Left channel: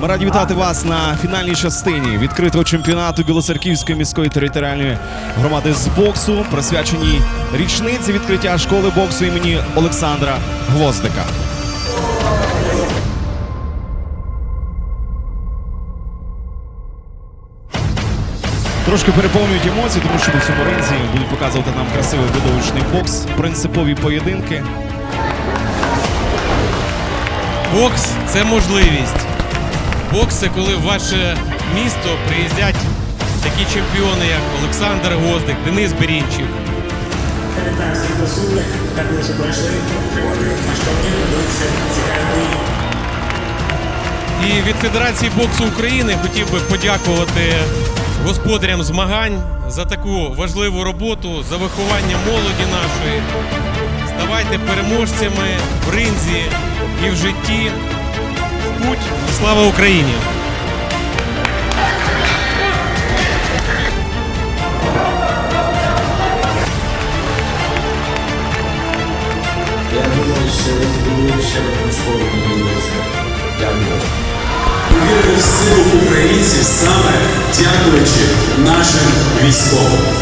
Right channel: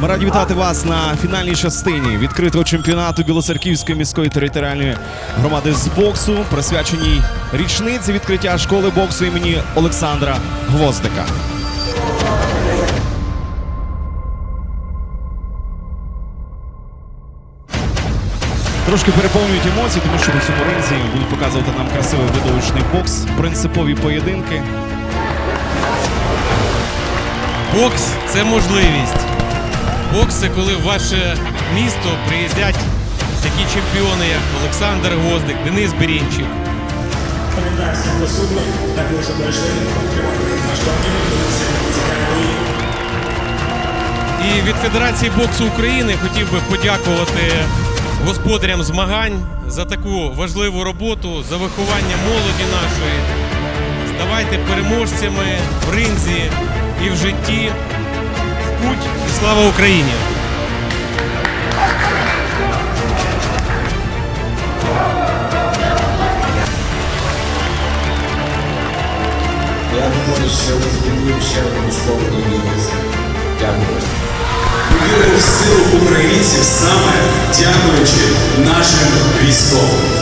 Ми раді вітати вас на фінальній частині відкритого чемпіонату Білоцерківської міської територіальної громади з боксу, присвяченій річниці відкриття школи боксу імені Олександра Гвоздика. Трошки переповнюють емоції, тому що на цьому будуть показувати нам красивий видовищний бокс, принципові поєдинки. Бокс це можливість. Бокс це коли в ваше місто приїздять такі чемпіони, як Олександр Гвоздик, Денис Берінчик. Вітаю всіх. Наш турнір. Бої. І від Федерації боксу України хотів би подякувати господарям змагань за таку важливу роботу, за виховання молоді нашої. Ставайте переможцями в ринзі і в житті. В путь і слава Україні! Я думаю, що розбудуємо ще одну школу добилися. Дякую. Віримо в силу українців саме дякуючи нашим військовим.